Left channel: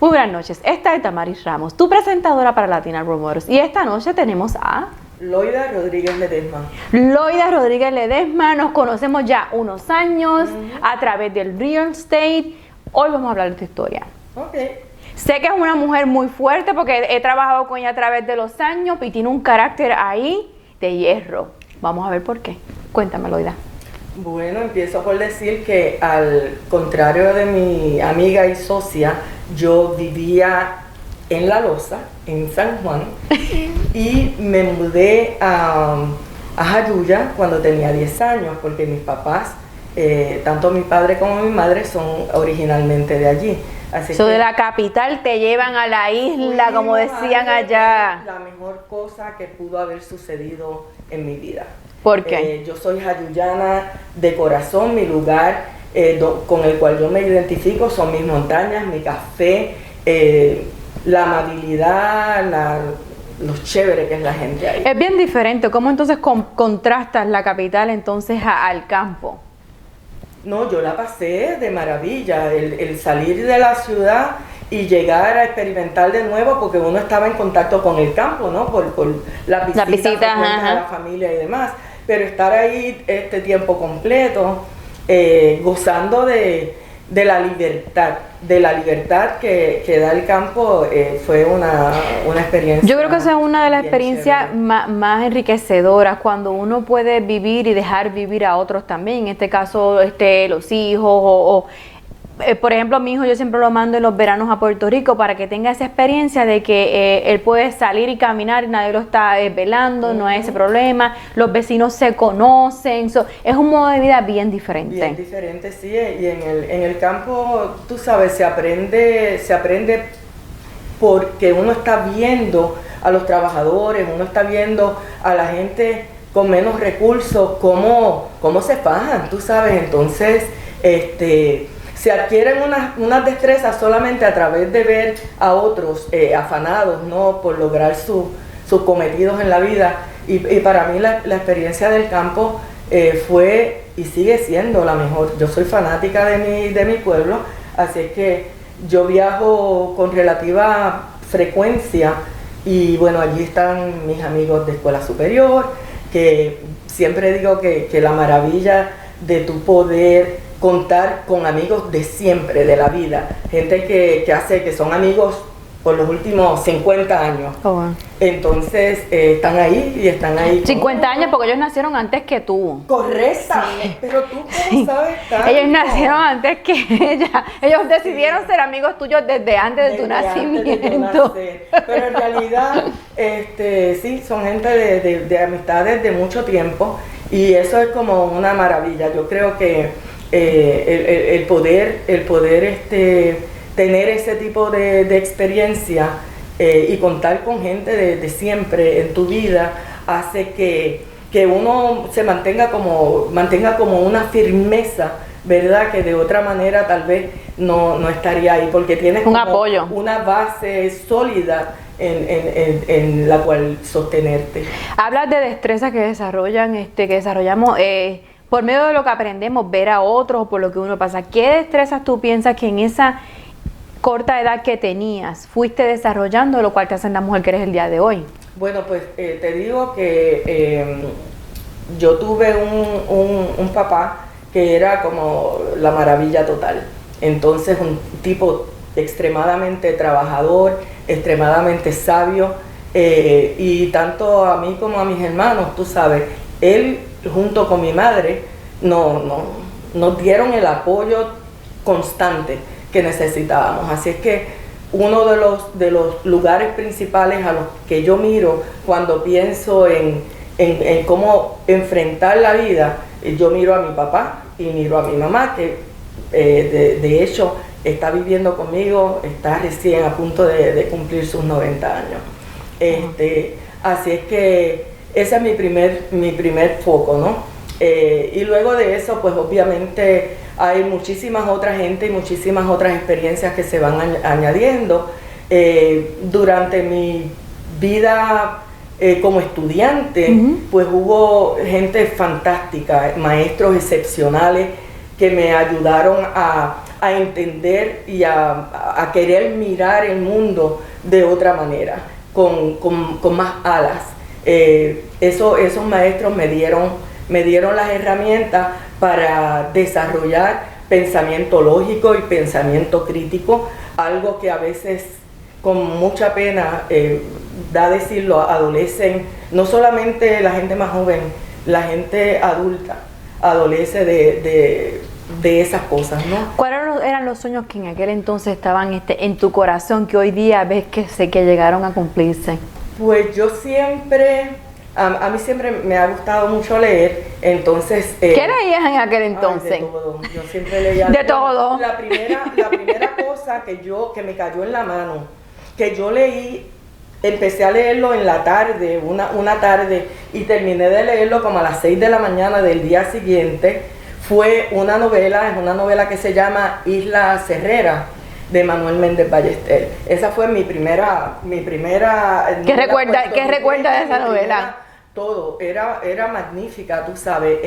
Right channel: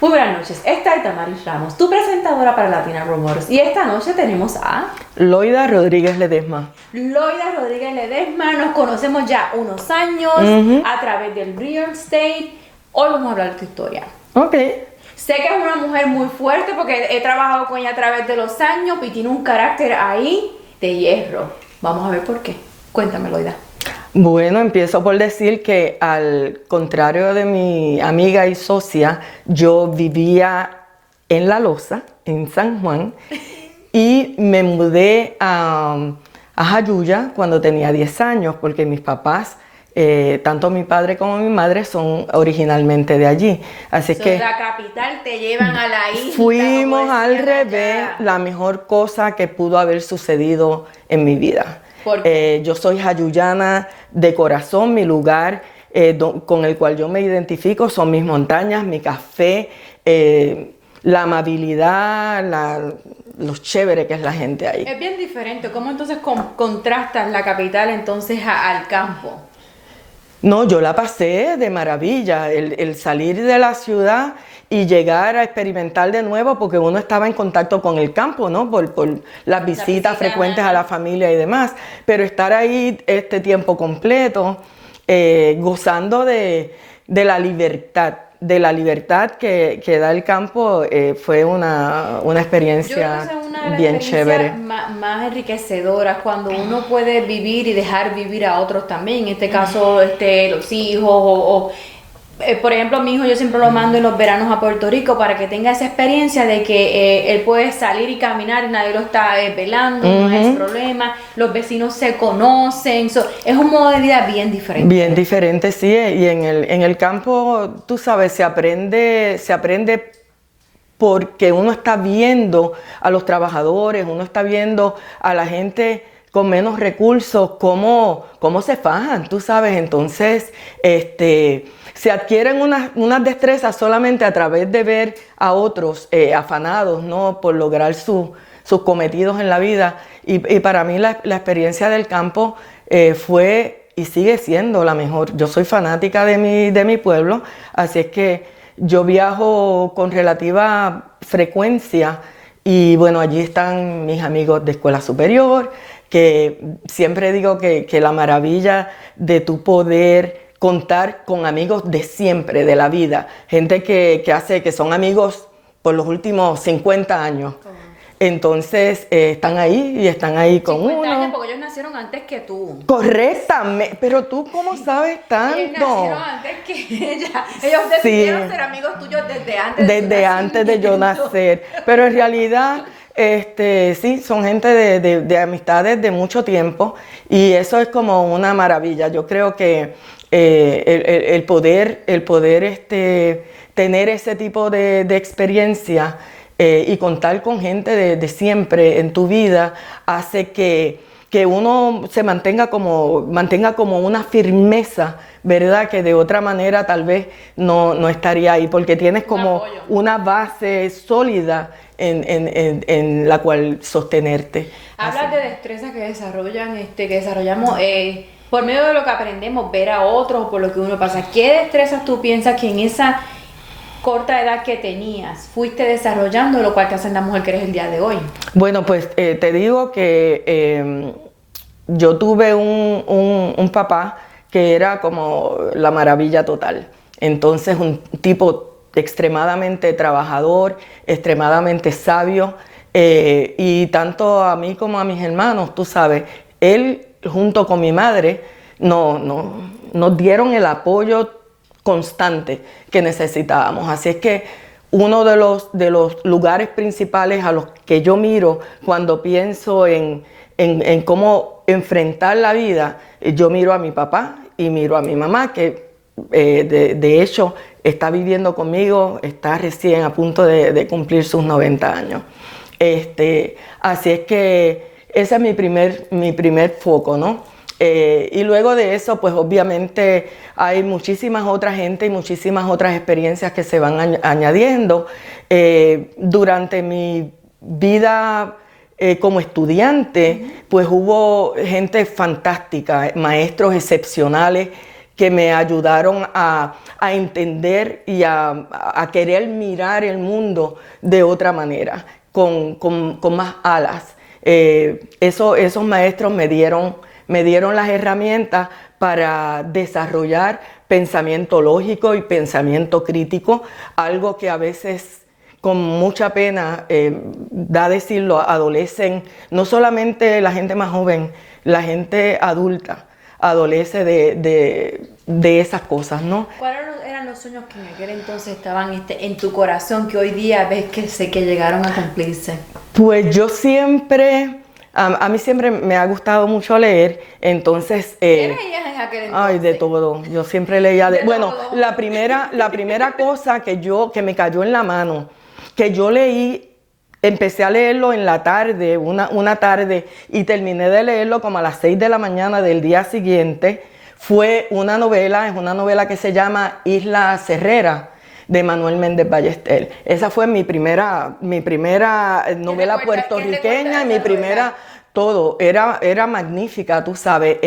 Muy buenas noches, esta es Damaris Ramos, tu presentadora para Latina Role Models. Y esta noche tenemos a Loida Rodríguez Ledesma. Loida Rodríguez Ledesma, nos conocemos ya unos años a través del real estate. Hoy vamos a hablar de tu historia. Ok. Sé que es una mujer muy fuerte porque he trabajado con ella a través de los años y tiene un carácter ahí de hierro. Vamos a ver por qué. Cuéntame, Loida. Bueno, empiezo por decir que al contrario de mi amiga y socia, yo vivía en La Losa, en San Juan, y me mudé a Jayuya cuando tenía 10 años, porque mis papás, tanto mi padre como mi madre, son originalmente de allí. Así que de la capital te llevan a la isla, como decían allá. La mejor cosa que pudo haber sucedido en mi vida. ¿Por qué? Yo soy jayuyana de corazón, mi lugar con el cual yo me identifico son mis montañas, mi café, la amabilidad, lo chévere que es la gente ahí. Es bien diferente. ¿Cómo entonces contrastas la capital entonces al campo? No, yo la pasé de maravilla, el salir de la ciudad y llegar a experimentar de nuevo, porque uno estaba en contacto con el campo, ¿no? Por las visitas frecuentes a la familia y demás, pero estar ahí este tiempo completo, gozando de la libertad que da el campo, fue una experiencia. Yo creo que esa es una de las experiencias más enriquecedoras, cuando uno puede vivir y dejar vivir a otros también, en este caso los hijos por ejemplo, mi hijo yo siempre lo mando en los veranos a Puerto Rico para que tenga esa experiencia de que él puede salir y caminar y nadie lo está velando, no hay ese problema, los vecinos se conocen, es un modo de vida bien diferente. Bien diferente, sí, y en el campo, tú sabes, se aprende porque uno está viendo a los trabajadores, uno está viendo a la gente con menos recursos, cómo se fajan, tú sabes, entonces, se adquieren unas destrezas solamente a través de ver a otros afanados, ¿no? Por lograr sus cometidos en la vida. Y para mí la experiencia del campo fue y sigue siendo la mejor. Yo soy fanática de mi pueblo, así es que yo viajo con relativa frecuencia y bueno, allí están mis amigos de escuela superior, que siempre digo que la maravilla de tu poder contar con amigos de siempre, de la vida, gente que son amigos por los últimos 50 años. Oh, wow. Entonces, están ahí con 50 uno. años porque ellos nacieron antes que tú. Correctamente, sí. Pero tú ¿cómo sabes tanto? Ellos nacieron antes que ella. Ellos decidieron ser amigos tuyos desde antes de tu nacimiento. Antes de yo nacer. Pero en realidad, sí, son gente de amistades de mucho tiempo y eso es como una maravilla. Yo creo que el poder tener ese tipo de experiencia y contar con gente de siempre en tu vida hace que uno se mantenga como una firmeza, ¿verdad? Que de otra manera tal vez no estaría ahí, porque tienes como apoyo, una base sólida en la cual sostenerte. Hablas de destrezas que desarrollamos por medio de lo que aprendemos, ver a otros, por lo que uno pasa. ¿Qué destrezas tú piensas que en esa corta edad que tenías fuiste desarrollando, lo cual te hace la mujer que eres el día de hoy? Bueno, pues te digo que yo tuve un papá que era como la maravilla total. Entonces, un tipo extremadamente trabajador, extremadamente sabio, y tanto a mí como a mis hermanos, tú sabes, él junto con mi madre nos dieron el apoyo constante que necesitábamos. Así es que uno de los lugares principales a los que yo miro cuando pienso en cómo enfrentar la vida, yo miro a mi papá y miro a mi mamá, que de hecho está viviendo conmigo, está recién a punto de cumplir sus 90 años. Así es que ese es mi primer foco, ¿no? Y luego de eso, pues obviamente hay muchísimas otras gente y muchísimas otras experiencias que se van añadiendo. Durante mi vida como estudiante, pues hubo gente fantástica, maestros excepcionales que me ayudaron a a entender y a querer mirar el mundo de otra manera, con más alas. Esos maestros me dieron las herramientas para desarrollar pensamiento lógico y pensamiento crítico, algo que a veces con mucha pena, da decirlo, adolecen, no solamente la gente más joven, la gente adulta adolece de esas cosas, ¿no? ¿Cuáles eran los sueños que en aquel entonces estaban en tu corazón, que hoy día ves que llegaron a cumplirse? Pues yo siempre, a mí siempre me ha gustado mucho leer, entonces... ¿Qué leías en aquel entonces? Ay, de todo, yo siempre leía de todo. La primera cosa que me cayó en la mano, que yo leí, empecé a leerlo en la tarde, una tarde, y terminé de leerlo como a las 6 de la mañana del día siguiente. Fue una novela que se llama Isla Cerrera, de Manuel Méndez Ballester. Esa fue mi primera novela puertorriqueña, mi primera, todo. Era magnífica, tú sabes.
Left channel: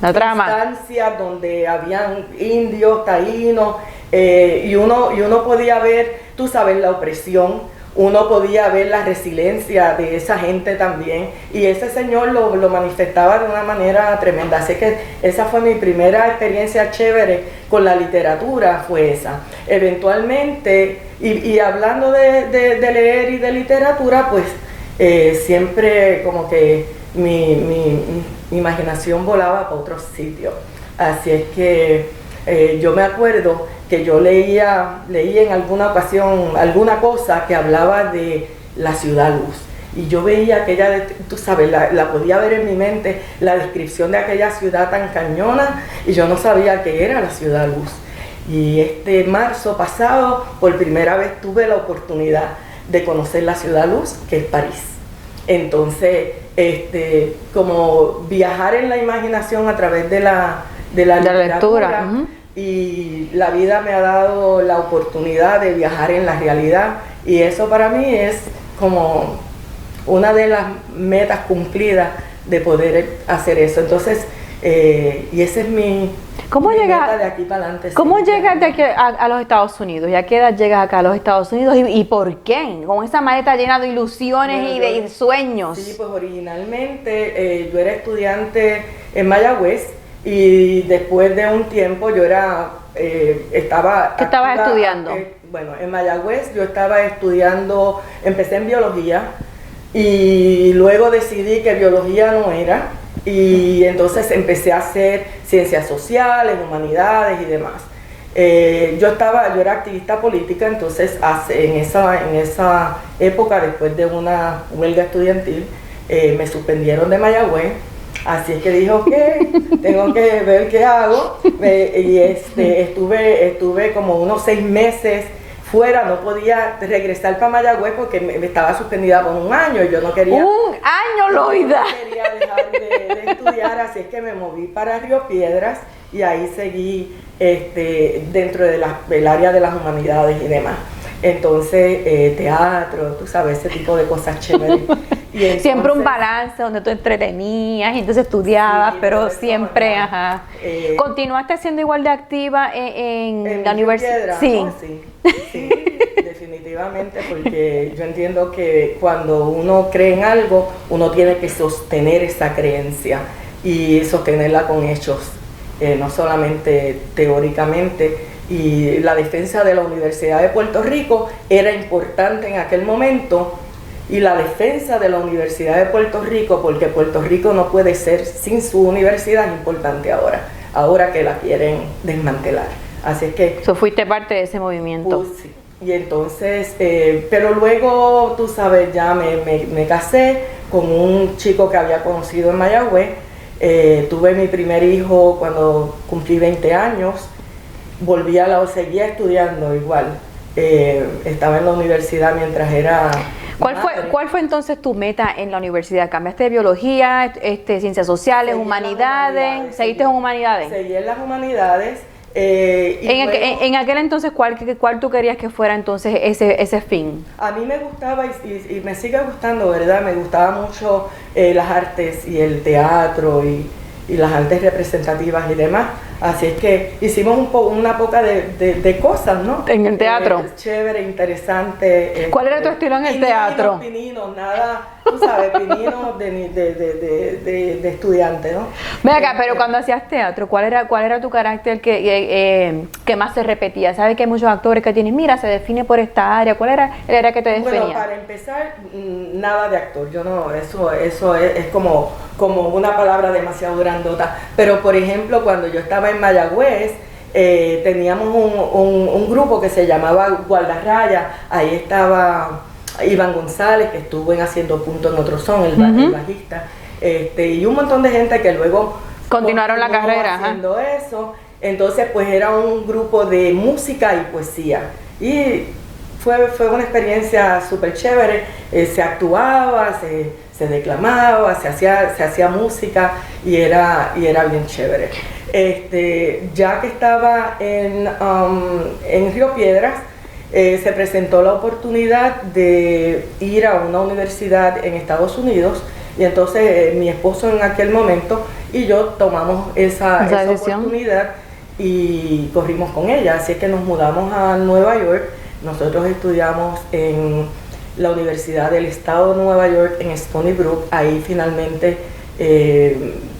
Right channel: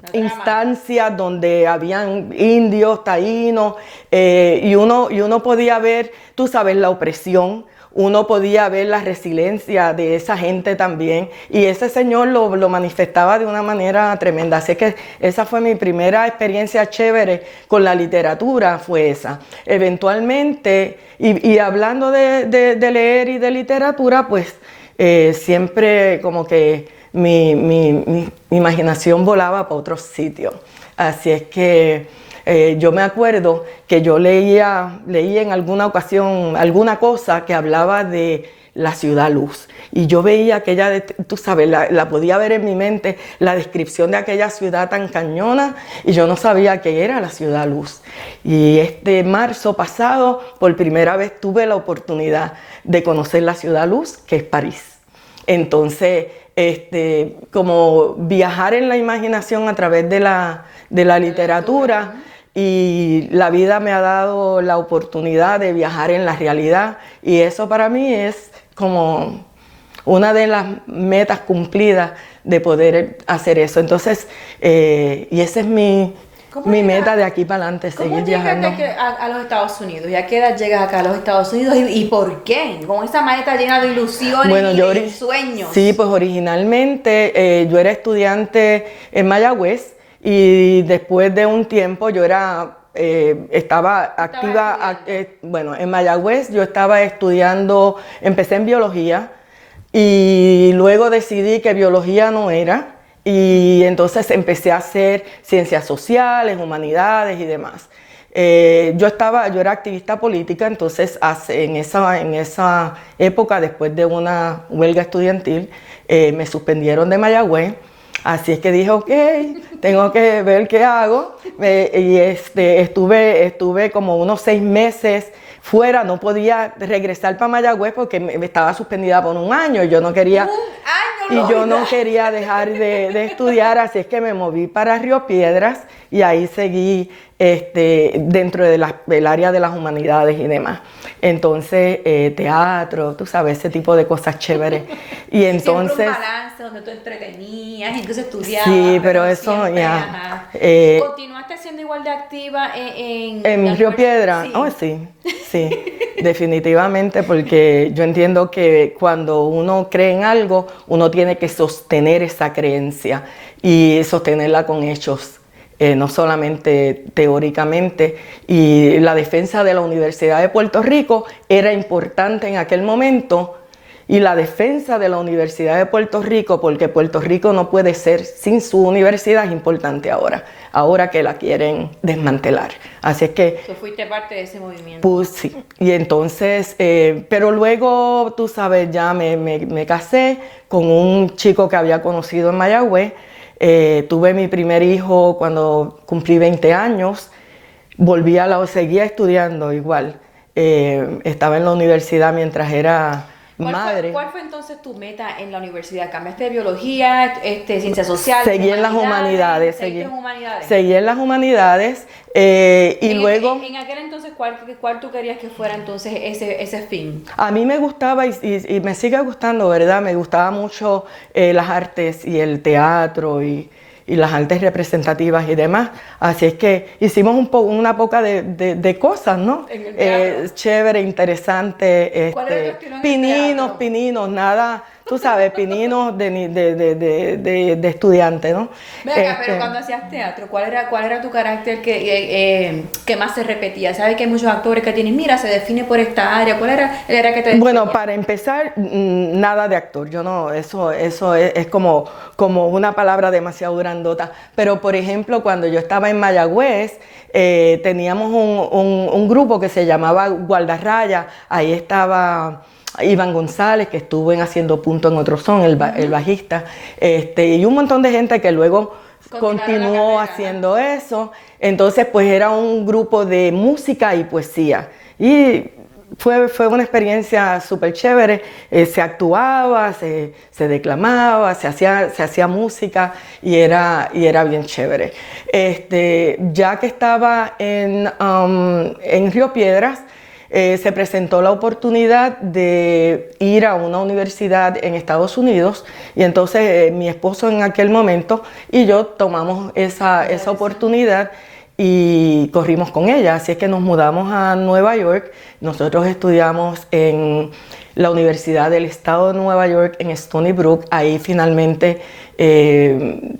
Había instancias donde habían indios, taínos, y uno podía ver, tú sabes, la opresión. Uno podía ver la resiliencia de esa gente también, y ese señor lo manifestaba de una manera tremenda. Así que esa fue mi primera experiencia chévere con la literatura, fue esa. Eventualmente, y hablando de leer y de literatura, pues siempre como que mi imaginación volaba para otros sitios. Así es que yo me acuerdo que yo leí en alguna ocasión alguna cosa que hablaba de la ciudad luz. Y yo veía aquella, tú sabes, la podía ver en mi mente, la descripción de aquella ciudad tan cañona, y yo no sabía qué era la ciudad luz. Y este marzo pasado, por primera vez tuve la oportunidad de conocer la ciudad luz, que es París. Entonces, como viajar en la imaginación a través de la literatura, y la vida me ha dado la oportunidad de viajar en la realidad, y eso para mí es como una de las metas cumplidas de poder hacer eso. Entonces, y esa es mi meta de aquí para adelante. ¿Cómo llegas de aquí a los Estados Unidos? ¿Y a qué edad llegas acá a los Estados Unidos? ¿Y por qué? Con esa maleta llena de ilusiones y de sueños. Sí, pues originalmente yo era estudiante en Mayagüez, y después de un tiempo yo estaba activa, estudiando. Bueno, en Mayagüez yo estaba estudiando, empecé en biología, y luego decidí que biología no era, y entonces empecé a hacer ciencias sociales, humanidades y demás. Yo era activista política, entonces en esa época, después de una huelga estudiantil, me suspendieron de Mayagüez. Así es que dije, ok, tengo que ver qué hago. Y estuve como unos 6 meses fuera, no podía regresar para Mayagüez porque estaba suspendida por un año, y yo no quería... ¡Un año, yo no quería dejar de estudiar, así es que me moví para Río Piedras, y ahí seguí dentro del área de las humanidades y demás. Entonces, teatro, tú sabes, ese tipo de cosas chéveres. Y entonces, siempre un balance donde tú entretenías y entonces estudiabas, sí, pero eso, siempre, ajá. ¿Continuaste siendo igual de activa en la Río universidad? Piedra? Sí. Oh, sí, definitivamente, porque yo entiendo que cuando uno cree en algo, uno tiene que sostener esa creencia y sostenerla con hechos, no solamente teóricamente. Y la defensa de la Universidad de Puerto Rico era importante en aquel momento, y la defensa de la Universidad de Puerto Rico, porque Puerto Rico no puede ser sin su universidad, es importante ahora que la quieren desmantelar. Así es que... fuiste parte de ese movimiento. Pues sí, y entonces, pero luego, tú sabes, ya me casé con un chico que había conocido en Mayagüez, tuve mi primer hijo cuando cumplí 20 años, seguía estudiando igual, estaba en la universidad mientras era madre. ¿Cuál fue entonces tu meta en la universidad? ¿Cambiaste de biología, ciencias sociales, Seguí en las humanidades. ¿Seguiste en humanidades? Seguí en las humanidades, En aquel entonces, ¿cuál tú querías que fuera entonces ese fin? A mí me gustaba y me sigue gustando, ¿verdad? Me gustaba mucho las artes y el teatro y las artes representativas y demás. Así es que hicimos una poca de cosas, ¿no? En el teatro. Chévere, interesante. ¿Cuál era tu estilo en el teatro? Pininos, nada, tú sabes, pininos de estudiante, ¿no? Venga, pero cuando hacías teatro, ¿cuál era tu carácter que más se repetía? ¿Sabes que hay muchos actores que tienen, mira, se define por esta área? ¿Cuál era que te definía? Bueno, para empezar, nada de actor. Yo no, eso es como una palabra demasiado grandota. Pero, por ejemplo, cuando yo estaba en Mayagüez, teníamos un grupo que se llamaba Guardarraya. Ahí estaba Iván González, que estuvo en Haciendo Punto en Otro Son, el bajista, y un montón de gente que luego continuaron la carrera haciendo eso. Entonces, pues era un grupo de música y poesía. Y fue una experiencia súper chévere. Se actuaba, se declamaba, se hacía música y era bien chévere. Ya que estaba en Río Piedras, se presentó la oportunidad de ir a una universidad en Estados Unidos y entonces mi esposo en aquel momento y yo tomamos esa oportunidad y corrimos con ella. Así es que nos mudamos a Nueva York. Nosotros estudiamos en la Universidad del Estado de Nueva York en Stony Brook. Ahí finalmente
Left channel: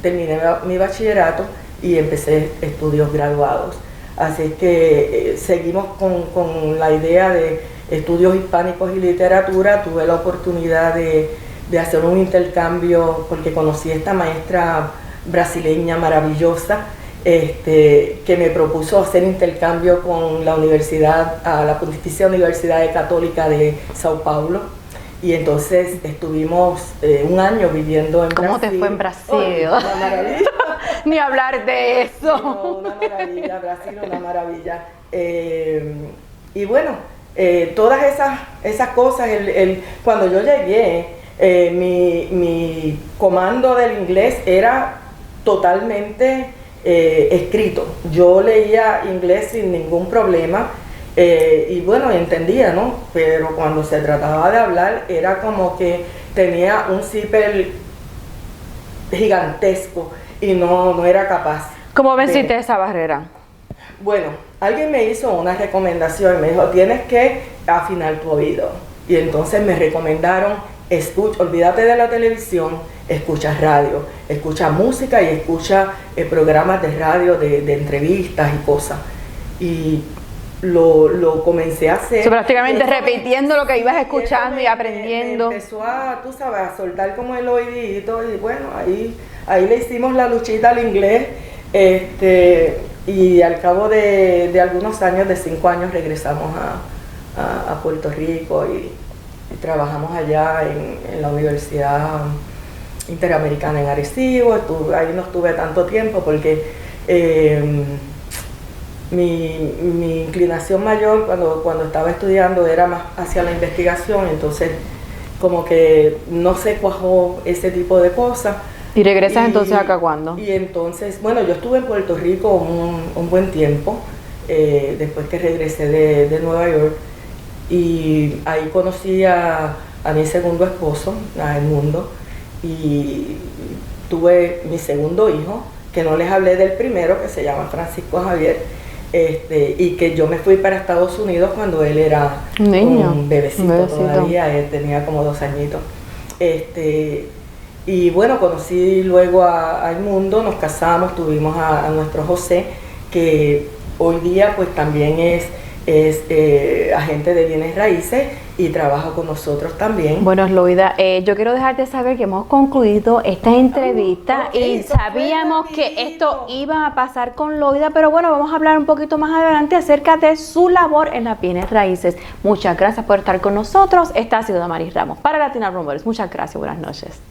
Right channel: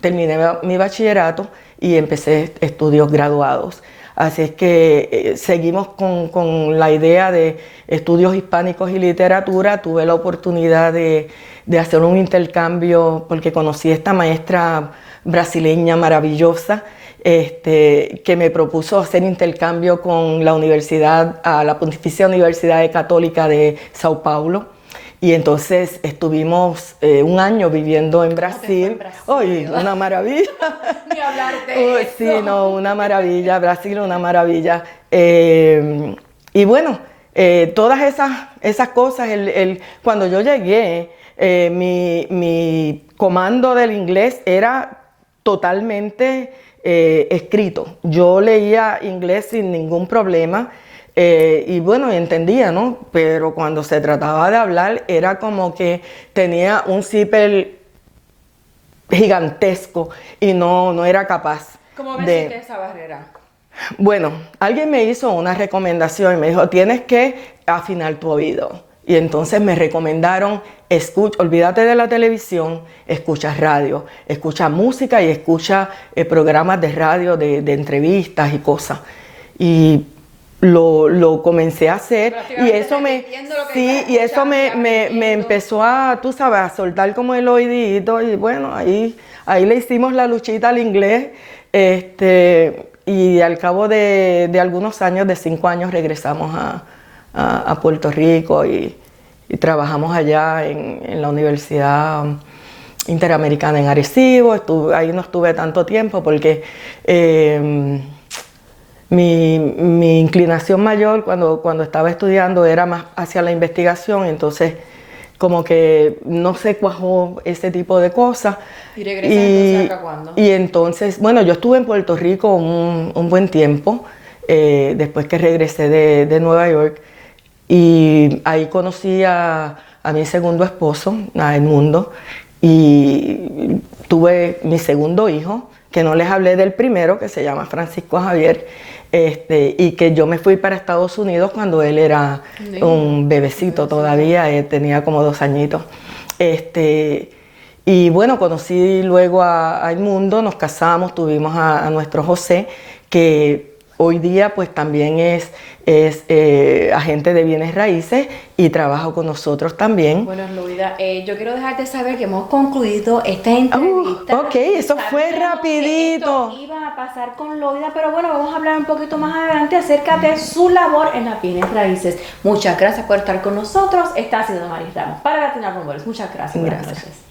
terminé mi bachillerato y empecé estudios graduados. Así es que seguimos con la idea de estudios hispánicos y literatura. Tuve la oportunidad de hacer un intercambio porque conocí a esta maestra brasileña maravillosa que me propuso hacer intercambio con la Pontificia Universidad Católica de Sao Paulo. Y entonces estuvimos un año viviendo en Brasil. ¿Cómo te fue en Brasil? Oh, una maravilla. Ni hablar de eso. Sí, no, una maravilla. Brasil, una maravilla. Y bueno, todas esas cosas, cuando yo llegué, mi comando del inglés era totalmente escrito. Yo leía inglés sin ningún problema. Y bueno, entendía, ¿no? Pero cuando se trataba de hablar era como que tenía un zipper gigantesco y no era capaz. ¿Cómo venciste esa barrera? Bueno, alguien me hizo una recomendación y me dijo, tienes que afinar tu oído. Y entonces me recomendaron, olvídate de la televisión, escucha radio, escucha música y escucha programas de radio de entrevistas y cosas. Y lo comencé a hacer. So, prácticamente repitiendo lo que ibas escuchando y eso me empezó a, tú sabes, a soltar como el oídito y bueno, ahí le hicimos la luchita al inglés y al cabo de algunos años, de 5 años, regresamos a Puerto Rico y trabajamos allá en la Universidad Interamericana en Arecibo. Ahí no estuve tanto tiempo porque mi inclinación mayor cuando estaba estudiando era más hacia la investigación, entonces como que no se cuajó ese tipo de cosas. ¿Y regresas entonces acá cuándo? Y entonces, bueno, yo estuve en Puerto Rico un buen tiempo, después que regresé de Nueva York, y ahí conocí a mi segundo esposo, a Edmundo, y tuve mi segundo hijo, que no les hablé del primero, que se llama Francisco Javier, y que yo me fui para Estados Unidos cuando él era un bebecito todavía, tenía como 2 añitos. Y bueno, conocí luego a Edmundo, nos casamos, tuvimos a nuestro José, que hoy día pues también es agente de bienes raíces y trabaja con nosotros también. Bueno, Loida, yo quiero dejarte saber que hemos concluido esta entrevista. Ok, eso fue sabíamos rapidito. Que esto iba a pasar con Loida, pero bueno, vamos a hablar un poquito más adelante acerca de su labor en las bienes raíces. Muchas gracias por estar con nosotros. Esta ha sido Damaris Ramos para Latina Rumores. Muchas gracias. Buenas noches.